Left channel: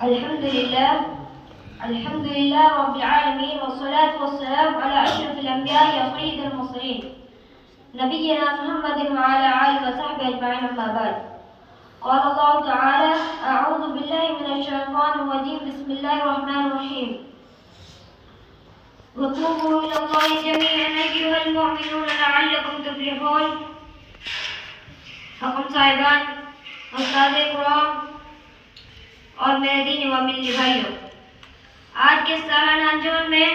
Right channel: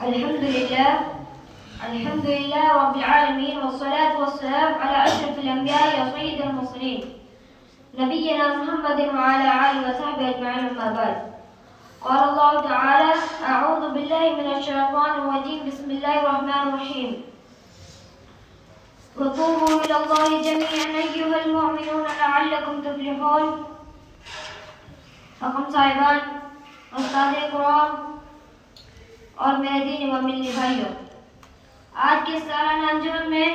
الحمد لله رب العالمين، والصلاة والسلام على أشرف الأنبياء وسيد المرسلين نبينا محمد وعلى آله وصحبه أجمعين، أما بعد. قال الله تعالى: أعوذ بالله من الشيطان الرجيم، بسم الله الرحمن الرحيم. وتوبوا إلى الله جميعا أيها المؤمنون لعلكم تفلحون. حکم صاحبان، استاد کرام اور میرے دین و ملی بھائیوں، آج کے سالانہ انجمن میں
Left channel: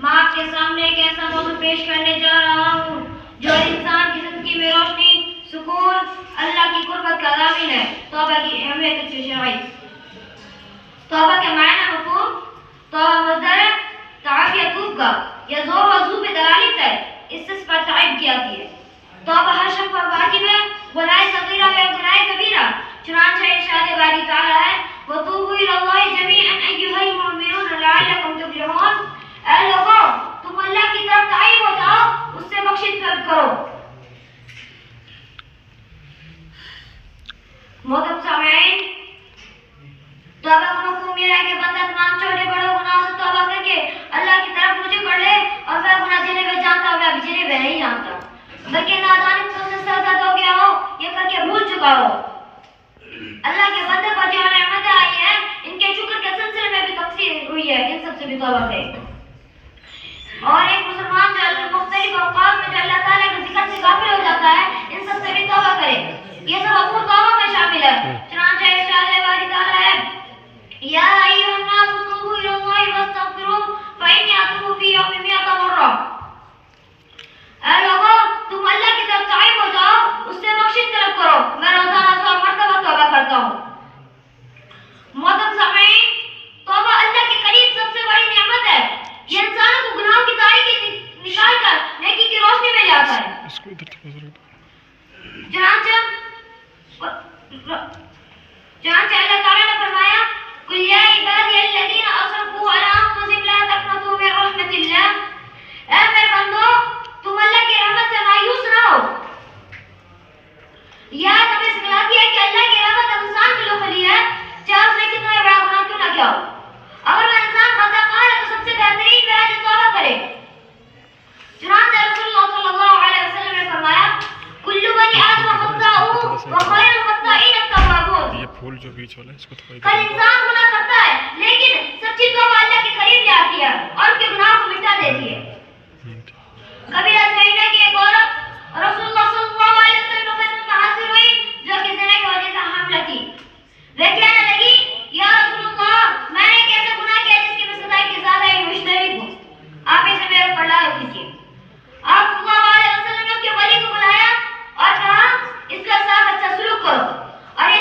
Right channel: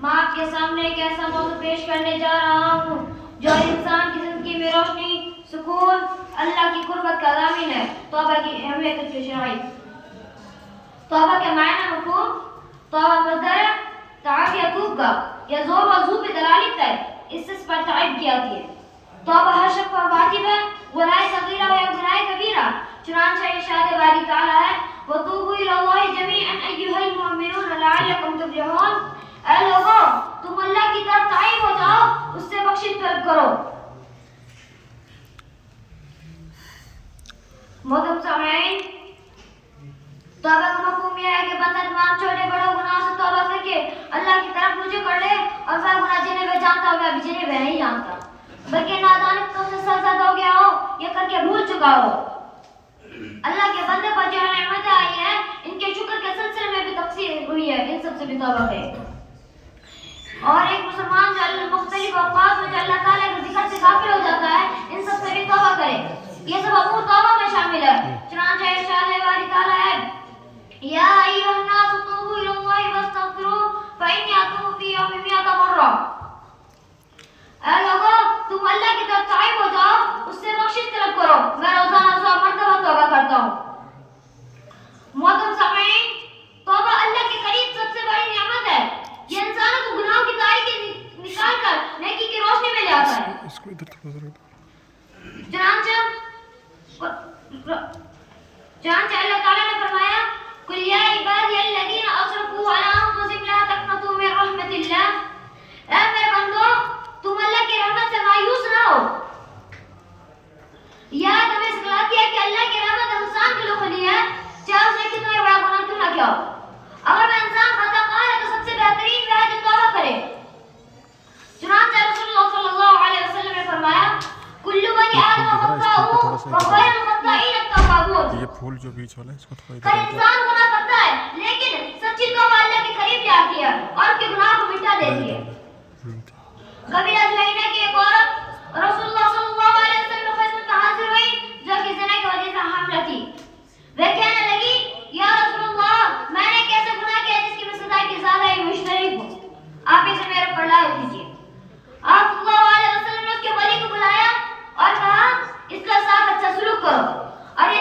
میں آپ کے سامنے ایک ایسا موضوع پیش کرنے جا رہا ہوں جو انسان کی زندگی میں روشنی، سکون، اللہ کی قربت کا ضامن ہے. توبہ کی اہمیت شرعی. توبہ کے معنی مفہوم: توبہ مصدر تعب یا کوب کا یا زور و زو پہ دلالت ہے، اس سے اس پر تعب کی آتی ہے. توبہ ہر شخص پر واجب ہے، گناہ صغیرہ یا گناہ کبیرہ. چنانچہ ارشاد باری تعالیٰ ہے: وَتُوبُوا إِلَى اللَّهِ جَمِيعًا أَيُّهَا الْمُؤْمِنُونَ لَعَلَّكُمْ تُفْلِحُونَ. اے لوگوں، تم اللہ کی طرف تائب ہو جاؤ، اس سے بخشش طلب کرو. محترم سامعین، توبہ کا مفہوم یہ ہے کہ بندہ تمام چھوٹے بڑے گناہوں سے توبہ کر کے اللہ کی طرف رجوع کر لے اور وہ گناہ جنہیں وہ جانتا ہو یا جنہیں وہ نہیں جانتا، بلکہ نادانی سے سرزد ہو گیا ہو یا کر کے بھول چکا ہو. اللہ کے بندے پر جو نعمتیں آئی ہیں، ان کے شکر کے سلسلے میں بھی تقصیر ہوئی ہے، ان سب سے بھی توبہ کرے. اور ایک مسلمان جو مختلف اوقات میں جو اللہ تعالیٰ کے ذکر سے غافل ہو جاتا ہے، ان سب سے بھی توبہ کرے. یہ سب امور توبہ میں شامل ہے. چنانچہ ارشاد باری تعالیٰ ہے: یا ایھا الناس توبوا الی اللہ واستغفروہ فانی اتوب فی یوم 100 مرہ. اے لوگوں، تم اللہ کی طرف تائب ہو جاؤ، اس سے بخشش طلب کرو، میں روزانہ 100 مرتبہ توبہ کرتا ہوں. محترم سامعین، توبہ اللہ کے قریب سب سے بڑی نعمت ہے. یہ انسانوں کو گناہوں کی تاریکی نکال کر نیکی کی روشنی میں لے آتا ہے. چنانچہ اللہ تعالیٰ نے فرمایا: قل یا عبادی الذین اسرفوا علی انفسہم لا تقنطوا من رحمت اللہ. اے میرے بندو، تم اللہ کی رحمت سے مایوس نہ ہو. یہ تمہیں سکھلاتی ہے کہ اللہ کی رحمت انسان کے لیے کھلی ہے، چاہے اس نے کتنا بڑا گناہ کیوں نہ کیا ہو. اگر وہ انسان خطا کار ہے تو سب سے بہترین ہے جو توبہ کرے. چنانچہ رسول اللہ صلی اللہ علیہ وسلم نے فرمایا: کل بنی آدم خطاؤون وخیر الخطائین التوابون. یہ پھول جو بیچ والا ہے اس کو تھوڑا ہر انسان گناہ کرتا ہے، لیکن سچی توبہ اللہ کے قریب لے آتی ہے اور اس کے گناہ کو مٹا دیتی ہے. کبھی ازوینہ کی ایک عورت رسول اللہ صلی اللہ علیہ وسلم کی خدمت میں حاضر ہوئی جو کہ زنا کی وجہ سے حاملہ تھی. وہ کہنے لگی: یا رسول اللہ، میں نے ایک ایسا گناہ کیا جس کی میں سزا کی زیادہ ہی مشترک ہوں، آپ اسے میرے اوپر لاحق کیجیے. آپ صلی اللہ علیہ وسلم نے اس کے ولی کو بلایا اور کہا: اس کے ساتھ اچھا سلوک کرو، اور یہ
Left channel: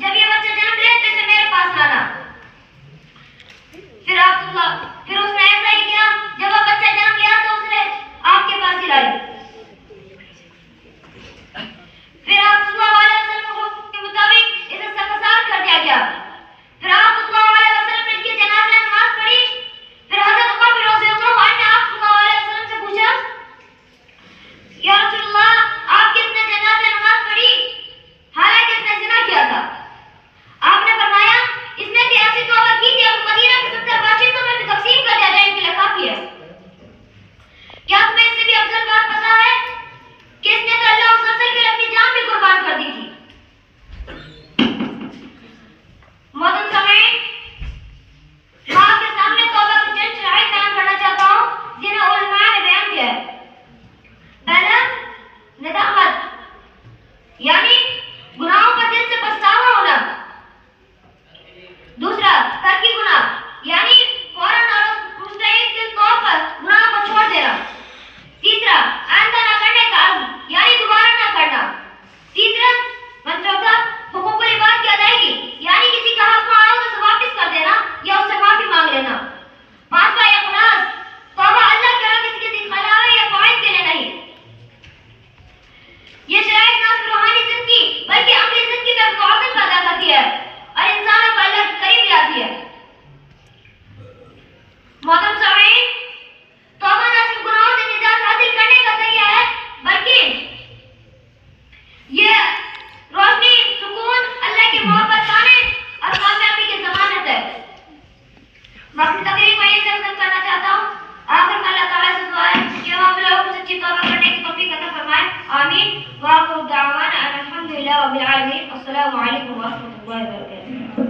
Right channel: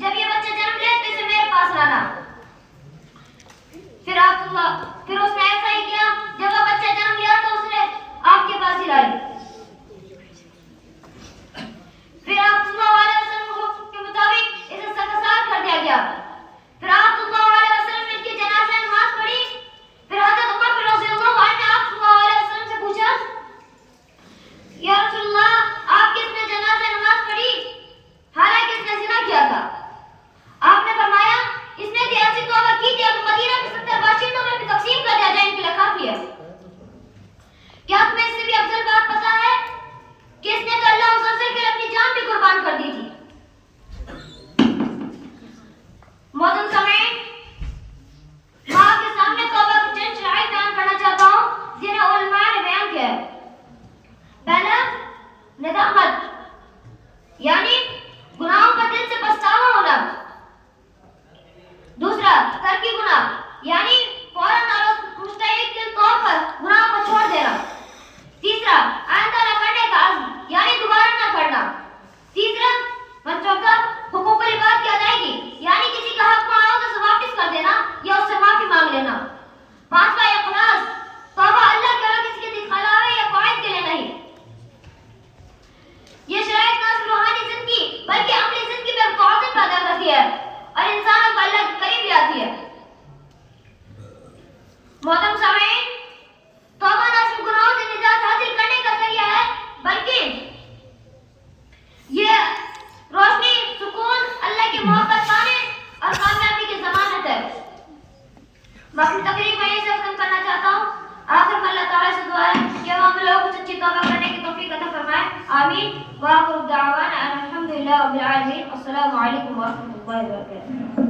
جب یہ بچہ جنم لے تو اسے میرے پاس لانا. پھر اس نے ایسا ہی کیا. جب وہ بچہ جنم لیا تو اس نے آپ کے پاس ہی لائی. پھر آپ صلی اللہ علیہ وسلم کے مطابق اسے سنسار کر دیا گیا. پھر آپ صلی اللہ علیہ وسلم نے اس کی جنازہ نماز پڑھی. پھر حضرت عمر رضی اللہ عنہ نے آپ صلی اللہ علیہ وسلم سے پوچھا: یا رسول اللہ، آپ کس نے جنازہ نماز پڑھی حالانکہ اس نے زنا کیا تھا؟ آپ نے فرمایا: اس نے ایسی توبہ کی کہ اب مدینہ کے 70 باشندوں میں بھی تقسیم کر دیا جائے، ان کے لیے کافی ہے. کیا تمہیں اس سے بھی افضل بات پتا ہے کہ اس نے تو اللہ اس اصل کے لیے اپنی جان بھی قربان کر دی تھی. رب العالمین. السلام علیکم ورحمۃ اللہ وبرکاتہ.